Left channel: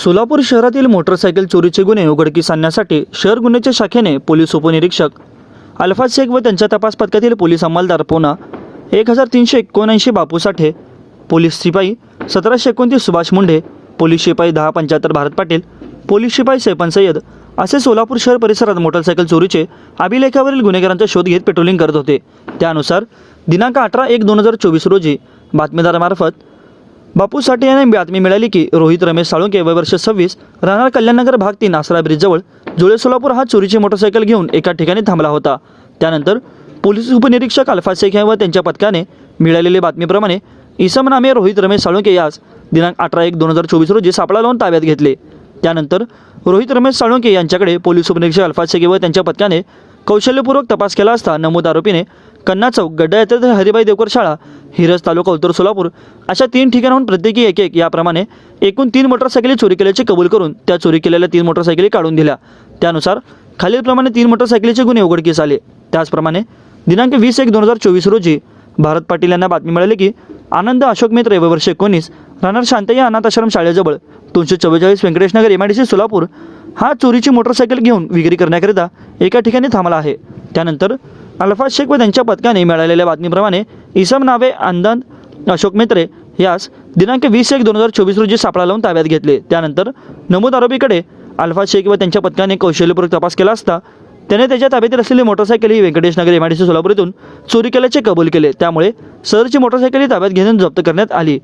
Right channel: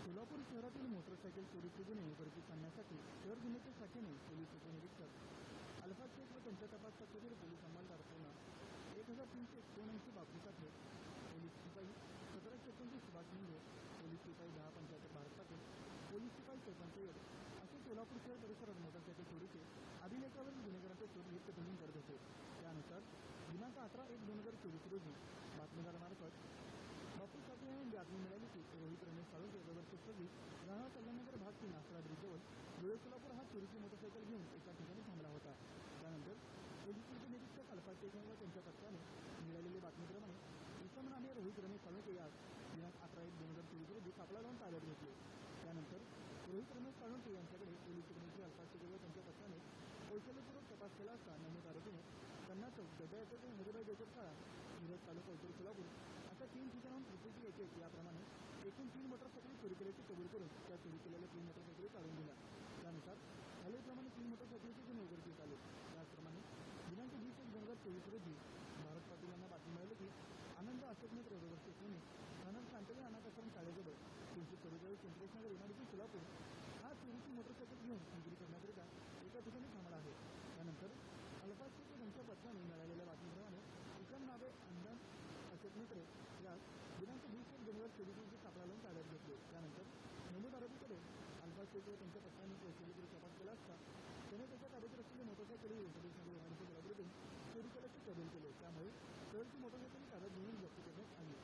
सोलापूर शहरातील मोटरसायकल चोरीचे गुन्हे उघडकीस आणण्यासाठी शहर गुन्ह्याच्या शाखेने पोलीस उपनिरीक्षक अल्फाज शेख व त्यांच्या तपास पथकातील पोलीस अंमलदार पोना 1379 बापू साठे, पोलीस शिपाई 1729 सुभाष मुंढे, पोलीस शिपाई 1075 भारत पाटील, पोलीस शिपाई सैपन सय्यद असे सोलापूर शहर परिसरात मोटरसायकल चोरीचे अभिलेखावरील गुन्हेगारांचा शोध घेत पेट्रोलिंग करत होते। त्यानुसार दिनांक 18/1/2024 रोजी बातमीदारामार्फत बापू साठे यांना बातमी मिळाली की रोहित रमेश साळुंके वय वर्ष 26 राहणार कल्याणनगर भाग 3 आसरा ब्रिजजवळ जुळे सोलापूर हा चोरीची मोटरसायकल घेऊन एका ठिकाणी थांबला होता। त्यानंतर पोलीस उपनिरीक्षक अल्फाज शेख व त्यांच्या पथकाने मिळालेल्या बातमीप्रमाणे इसम नामे रोहित रमेश साळुंके यास दिनांक 18/1/2024 रोजी सापळा लावून ताब्यात घेतले। त्यानंतर रोहित रमेश साळुंके यांच्याकडे पोलीस उपनिरीक्षक अल्फाज शेख व त्यांच्या पथकाने कौशल्यपूर्वक तपास केला असता नमूद आरोपीने कन्ना चौक, गड्डा येथे हरिभाई देवकर शाळा, हिरज तालुका उत्तर सोलापूर अशा 3 ठिकाणाहून प्रत्येकी एक याप्रमाणे एकूण 3 मोटरसायकली चोरी केल्याचे कबूल करून त्या चोरी केलेल्या 3 मोटरसायकली काढून दिल्या। त्यानुसार खालीलप्रमाणे 3 मोटरसायकलीचे गुन्हे उघडकीस आले। त्याचप्रमाणे दिनांक 20/1/2024 रोजी भारत पाटील यांना बातमी मिळाली की आनंद अशोक मित्र वय वर्ष 19 राहणार शांतय्या अनाथ आश्रम शाळेजवळ 244 व्यंकटेशनगर MIDC सोलापूर हा चोरीची मोटरसायकल घेऊन विक्री करण्याकरिता एका ठिकाणी थांबला आहे। त्यानंतर अल्फाज शेख व त्यांच्या पथकाने मिळालेल्या बातमीप्रमाणे इसम नावे आनंद अशोक मित्रे यास दिनांक 20/1/2024 रोजी सापळा लावून ताब्यात घेतले। त्यानंतर नमूद आरोपीकडे अल्फाज शेख व त्यांच्या पथकाने कौशल्यपूर्वक तपास केला असता त्याने त्याच्या ताब्यातील असलेली मोटरसायकल ही व्यंकटेशनगर MIDC सोलापूर येथून चोरी केल्याचे कबूल केले। त्यामुळे सदरची मोटरसायकल ताब्यात घेऊन जप्त करण्यात आली।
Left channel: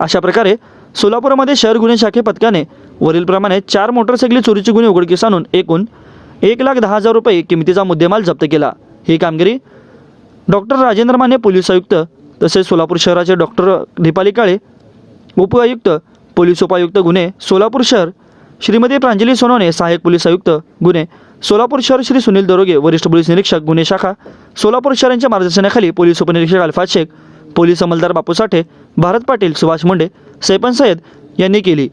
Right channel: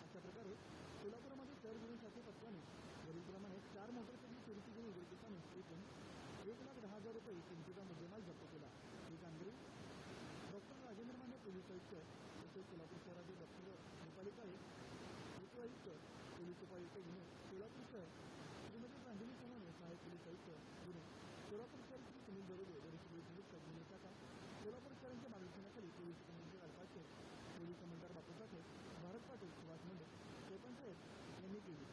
अशा प्रकारे सोलापूरमध्ये शहर गुन्हे शाखे पथकाने वरीलप्रमाणे 4 मोटरसायकली चोरीचे गुन्हे उघडकीस आणून एकूण 1,10,000 रुपये किमतीचा मुद्देमाल जप्त केला। ही कामगिरी डॉक्टर राजेंद्र माने पोलीस आयुक्त तसेच सोलापूर शहराचे डॉक्टर दीपाली काळे उपआयुक्त पोलीस उपायुक्त गुन्हे सोलापूर शहर श्रीमती प्रांजली सोनवणे सहाय्यक पोलीस आयुक्त गुन्हे सोलापूर शहर श्री सुनील दरोगे वरिष्ठ पोलीस निरीक्षक गुन्हे शाखा सोलापूर शहर यांच्या मार्गदर्शनाखाली पोलीस उपनिरीक्षक अल्फाज शेख, पोलीस अंमलदार बापू साठे, भारत पाटील, सुभाष मुंढे, सैपन सय्यद यांनी केली।